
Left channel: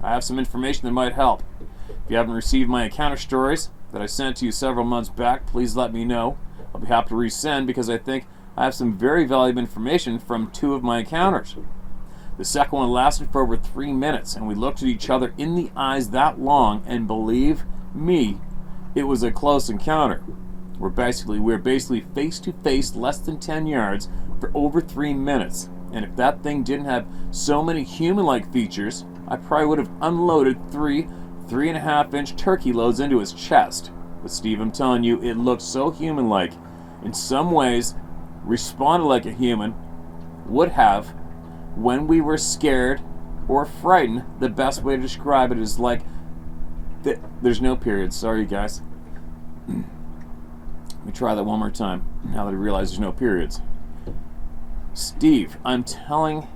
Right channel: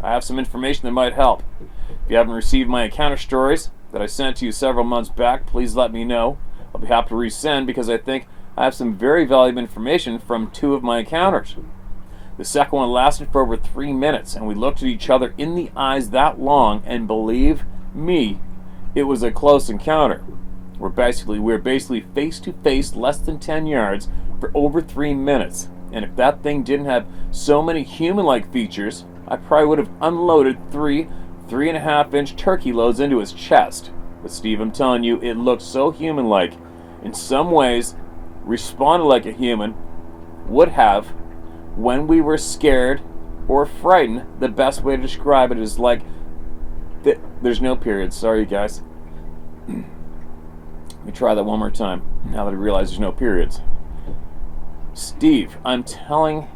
I have some information that might help. If you haven't received my encounter stories that I sent to you several months back, please let me know. I'll be happy to resend because I think I have some very valuable information from 2 of my encounters. The second one lasted for over 3 minutes, and we looked at each other in the eyes that long, and believe me, it was a close encounter. We're basically face to face, less than 10 yards, for over 3 minutes. And if that thing didn't have so many human-like features, I probably would have unloaded 3.5-inch turkey loads into his chest. But Steve, I'm telling you, it looked so human-like. In some ways, responded like a human would have when we were scared or frightened. The best way to describe it is like... There's no periods. Sorry, guys. Let me try that one more time, now that I realize there's no periods. Steve, I'm telling,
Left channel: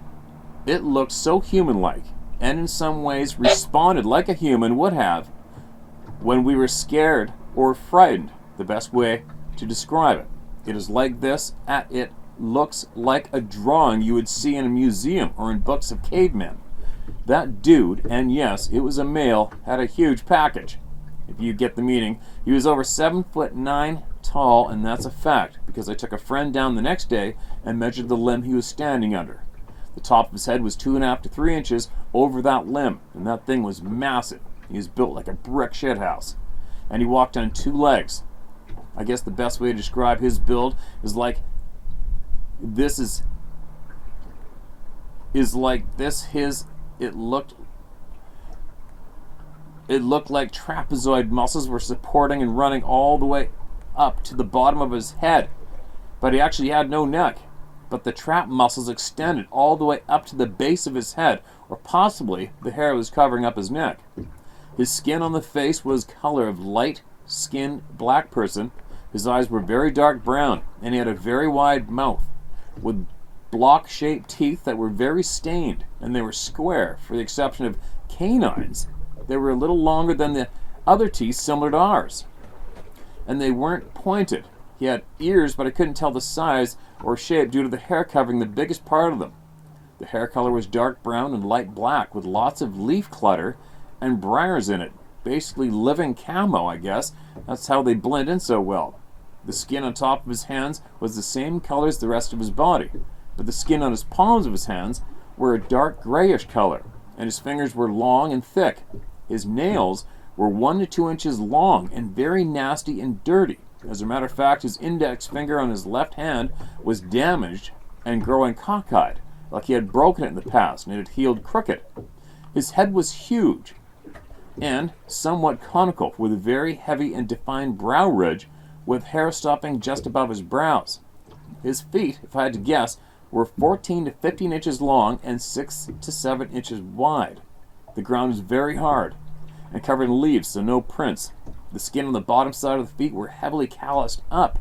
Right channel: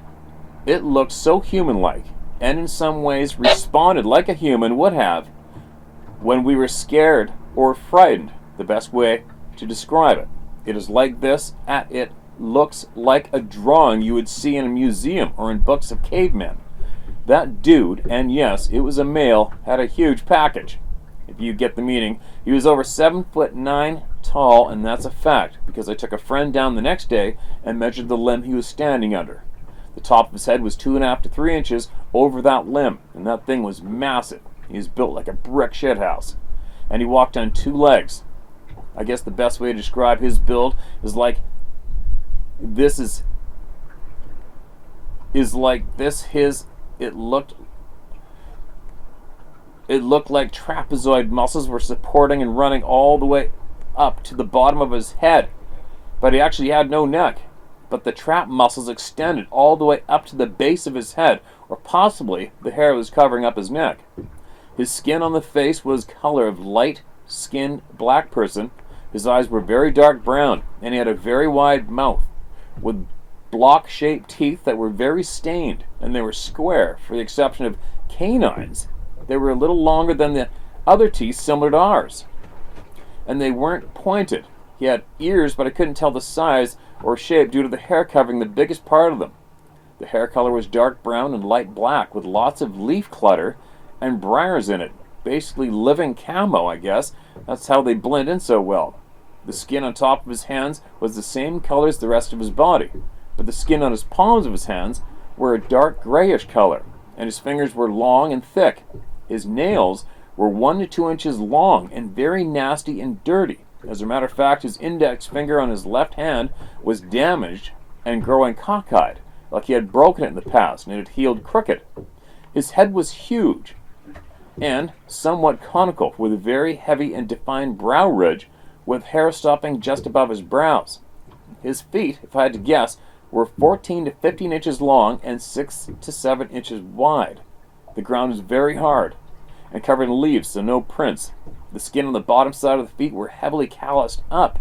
it looked so human-like, and in some ways responded like a human would have when we were scared or frightened, the best way to describe it. It is like this, it looks like a drawing you would see in a museum or in books of cavemen. That dude, and yes, it was a male, had a huge package. If you get the meaning, he was over 7'9" tall, and that's a fact, because I took a friend down the next day and measured the limb he was standing under. The top of his head was 2.5 to 3 inches over that limb, and that thing was massive. He was built like a brick shithouse, and he walked on 2 legs. I guess the best way to describe his build is like this. It looked like trapezoid muscles were supporting and running all the way up to the bottom of his head. But he actually had no neck. But the trap muscles extended all the way up to the base of his head, or possibly the hair was covering up his neck. His skin on the face was color of light-skinned black person. His eyes were very dark brown, and he had a very wide mouth, with block-shaped teeth that were very stained, and they were square, for the exception of canines. They were a little longer than the other teeth similar to ours, and they weren't pointed. He had ears, but I couldn't tell the size or shape due to the hair covering the biggest part of them. The hair color was dark brown and light black, with lots of leaf clutter and briars in it. Basically living camo, I guess. That's how they blend in so well. The skin on top of his hands was the same color as the rest of his body, but the skin on his palms of his hands were a dark grayish color, and his fingers were long and thick. His nails were 1 to 2 inches long and very nasty and dirty. As a matter of fact, his index finger on his left hand was damaged and growing cockeyed, like he had broken it in the past and it had healed crooked. His head was huge and somewhat conical, with a very heavy and defined brow ridge with hair stopping just above his brows. His feet, if I had to guess, were 14 to 15 inches long and 6 to 7 inches wide. The ground was very hard and covered in leaves, so no prints. The skin on the bottom side of the feet were heavily calloused up,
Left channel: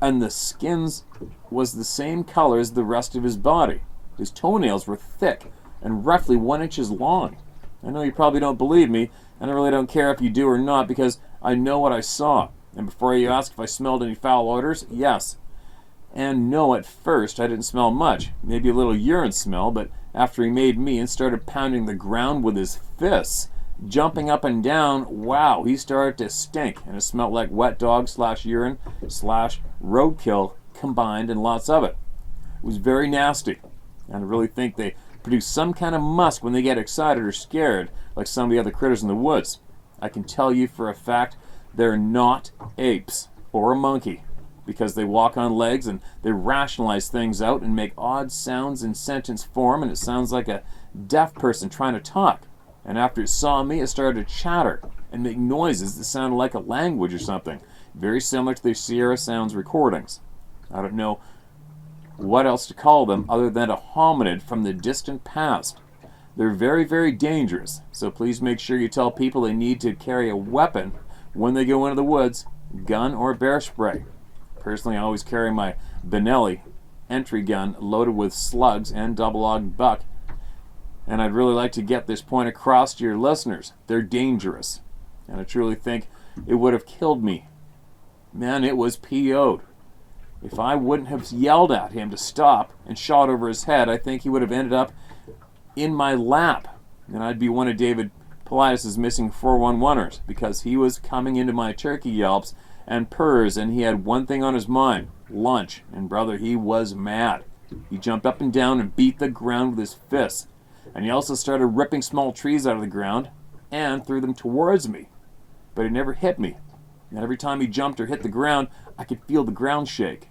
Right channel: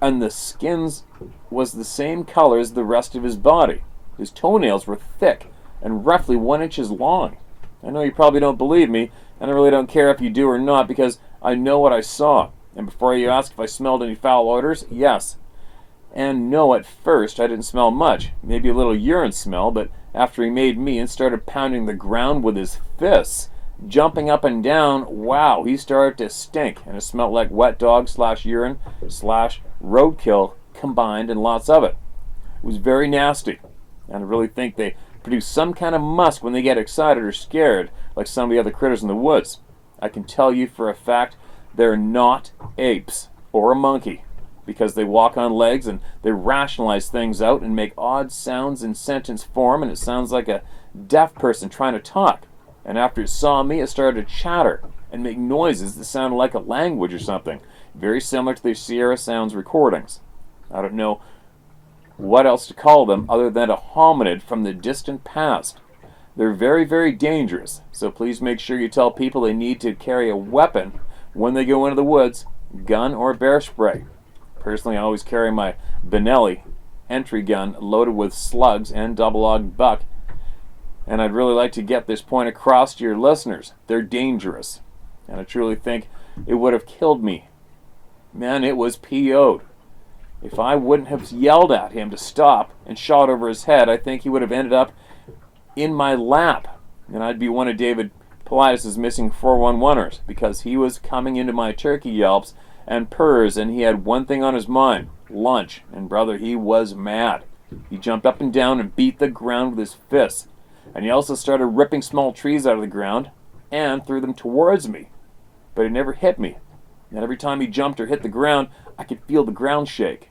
and the skins was the same color as the rest of his body. His toenails were thick and roughly 1 inch long. I know you probably don't believe me, and I really don't care if you do or not, because I know what I saw. And before you ask if I smelled any foul odors, yes. And no, at first I didn't smell much, maybe a little urine smell, but after he made me and started pounding the ground with his fists, jumping up and down, wow, he started to stink, and it smelled like wet dog / urine / roadkill combined, and lots of it. It was very nasty, and I really think they produce some kind of musk when they get excited or scared, like some of the other critters in the woods. I can tell you for a fact they're not apes or a monkey, because they walk on legs and they rationalize things out and make odd sounds in sentence form, and it sounds like a deaf person trying to talk. And after it saw me, it started to chatter and make noises that sounded like a language or something, very similar to the Sierra Sounds recordings. I don't know what else to call them other than a hominid from the distant past. They're very, very dangerous, so please make sure you tell people they need to carry a weapon when they go into the woods, gun or bear spray. Personally, I always carry my Benelli entry gun loaded with slugs and double-aught buck, and I'd really like to get this point across to your listeners. They're dangerous, and I truly think it would have killed me. Man, it was PO'd. If I wouldn't have yelled at him to stop and shot over his head, I think he would have ended up in my lap, and I'd be one of David Politis' missing 411ers, because he was coming into my turkey yelps and purrs, and he had one thing on his mind: lunch. And brother, he was mad. He jumped up and down and beat the ground with his fists, and he also started ripping small trees out of the ground and threw them towards me, but he never hit me. And every time he jumped or hit the ground, I could feel the ground shake.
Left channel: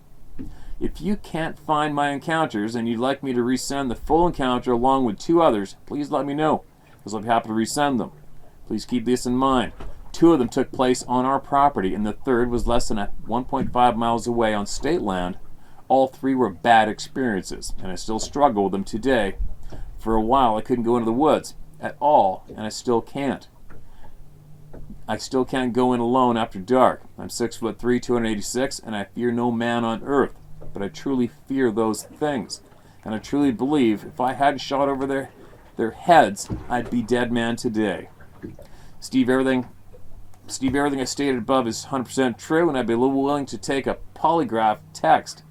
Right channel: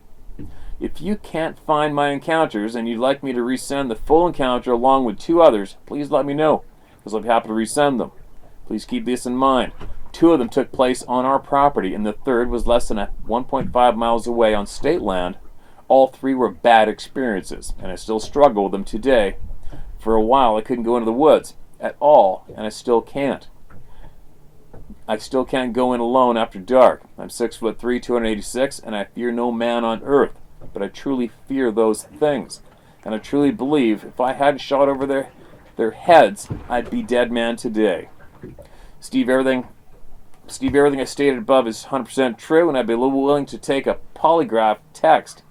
If you can't find my encounters and you'd like me to resend the full encounter along with 2 others, please let me know, because I'll be happy to resend them. Please keep this in mind. 2 of them took place on our property, and the third was less than 1.5 miles away on state land. All 3 were bad experiences, and I still struggle with them today. For a while, I couldn't go into the woods at all, and I still can't. I still can't go in alone after dark. I'm 6'3", 286, and I fear no man on earth, but I truly fear those things. And I truly believe if I hadn't shot over their heads, I'd be dead man today. Steve, everything Steve, everything I stated above is 100% true, and I'd be a little willing to take a polygraph test.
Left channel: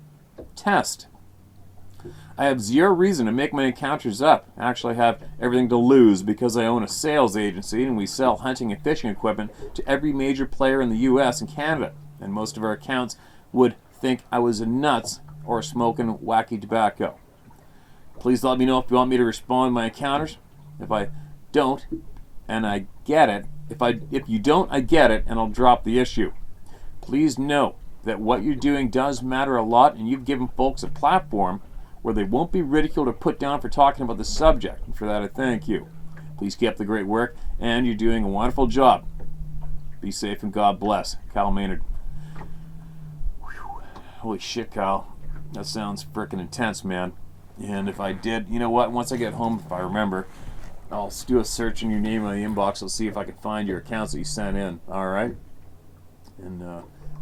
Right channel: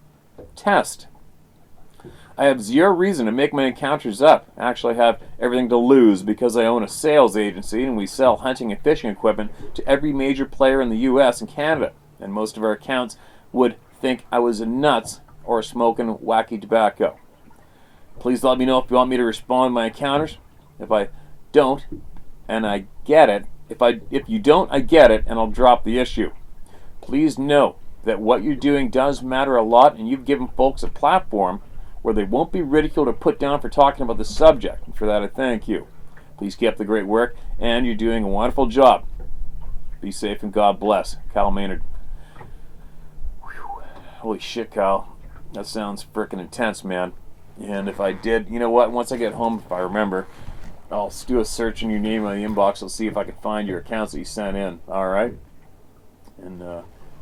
I have zero reason to make my encounters up. Actually, I have everything to lose because I own a sales agency and we sell hunting and fishing equipment to every major player in the U.S. and Canada. And most of our accounts would think I was nuts or smoking wacky tobacco. Please let me know if you want me to respond to my encounters. If I don't, and I get it, if you don't, I get it, and I'll drop the issue. Please know that what you're doing does matter a lot, and you've given folks a platform where they won't be ridiculed or put down for talking about the subject. And for that, I thank you. Please keep up the great work, and you're doing a wonderful job. Be safe and God bless. Kyle Maynard. Whew. Holy shit, Kyle. That sounds frickin' intense, man. And if I did, you know what? Once I get home, if I remember, I'll do a search in your name on the inbox. I'll see if I can find your accounts that you sent in. All right? And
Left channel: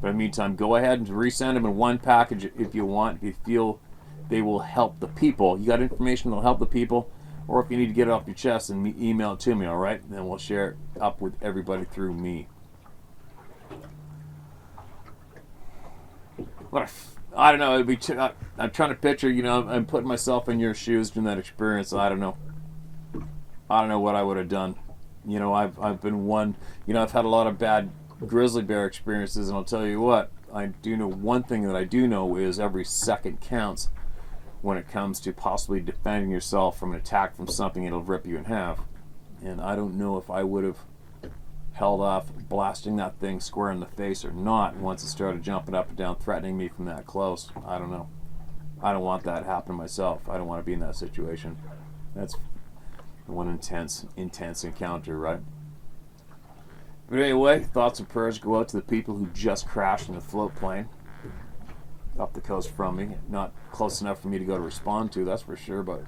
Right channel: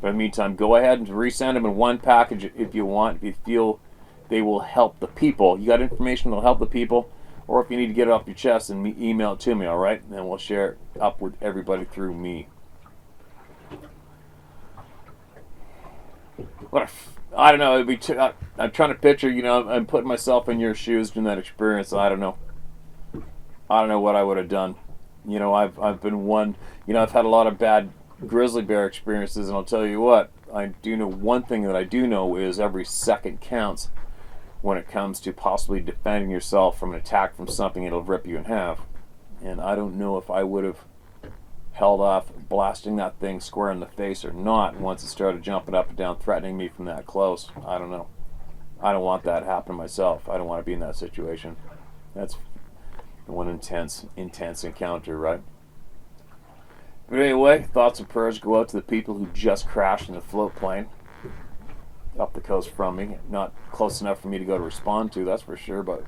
but in the meantime, go ahead and resend them in one package if you want. If you feel they will help the people. You got information that will help the people, or if you need to get it off your chest, and email it to me, all right? And then we'll share it up with everybody through me. I don't know. It'd be I'm trying to picture, I'm putting myself in your shoes during that experience. I don't know what I would have done. I've been one. I've had a lot of bad grizzly bear experiences, and I'll tell you what. I do know one thing that I do know is every second counts when it comes to possibly defending yourself from an attack from something that'll rip you in half. And I don't know if I would have held off blasting that thing square in the face or not once it started jumping up and down, threatening me from that close. I don't know. I don't want that to happen to myself. I don't want to be in that situation. That's one intense encounter, right? But anyway, thoughts and prayers go out to the people who just crashed in a float plane up the coast from me. Not close enough for me to go to respond to, that's for sure, but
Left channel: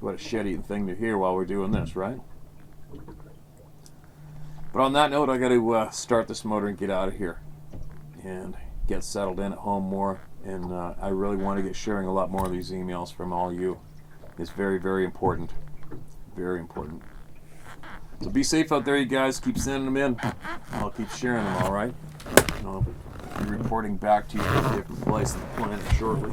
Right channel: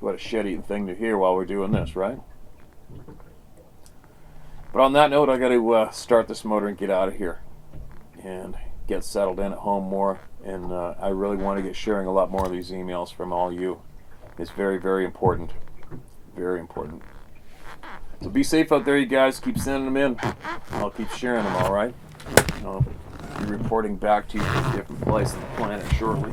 what a shitty thing to hear while we're doing this, right? But on that note, I got to start this motor and get out of here and get settled in at home more. And I really want to get sharing a lot more of these emails from all you. It's very, very important. Very important. So be safe out there, you guys. Keep sending them in. I'll keep sharing them, all right? I'll be reporting back to you from a different place on the planet shortly.